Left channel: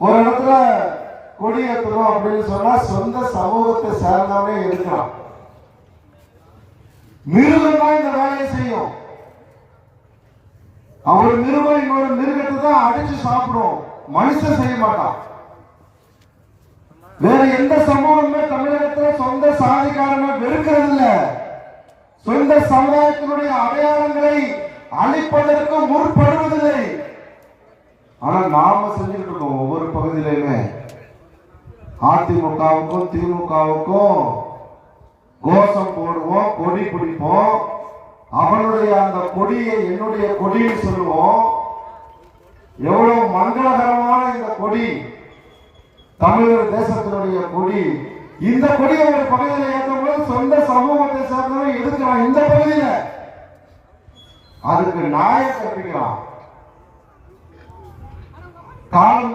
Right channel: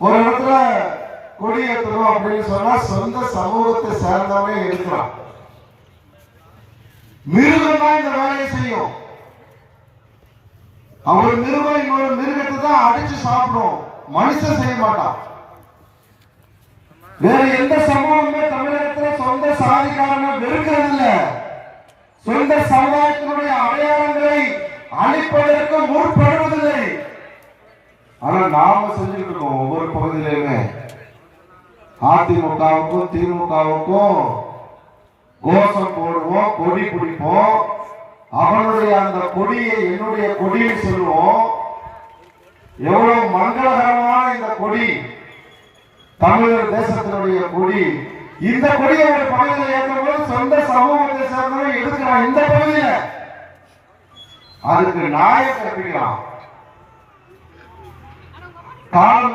ஒரு இடத்துல கொடி ஏற்றணும் அப்படின்னு சொன்னா சொந்த சமூகத்தை சேர்ந்தவனே எடுக்கலாம். மிருகம் தான் இந்த வேலையை செய்யும். அவர் மிருகம் இன்னொரு மிருகத்தை தான் அடிச்சு சாப்பிடும், மனுஷன் செய்ய மாட்டான். வேற எந்த சமூகமே தமிழகத்துல சொந்த சாதிக்காரனை வெறுக்கிறது இல்ல, சொந்த சமுதாயத்தினுடைய அடையாளங்களை அழிப்பதற்கு முற்படுவதில்லை. ஆனா நாம செஞ்சுட்டு இருக்கோம். ஒவ்வொரு பகுதியிலுமே அதிமுகவுக்கும் திமுகவுக்கும் கோஷம் போடுவோம், கொடி பிடிப்போம். அவனுடைய அந்த கொடியை என்னுடைய கொடின்னு சொல்லுவோம். எவ்வளவு மங்களகரமான இந்த கொடி, தமிழர் தேசத்தினுடைய கொடி. இந்த கொடியை ஒரு பகுதியில் ஏற்றும்போது சொந்த சமூகத்தை சேர்ந்தவங்க எடுக்கிறான். இந்த பகுதியில அதுக்கு நாயை கற்பிக்கலாம். காலம்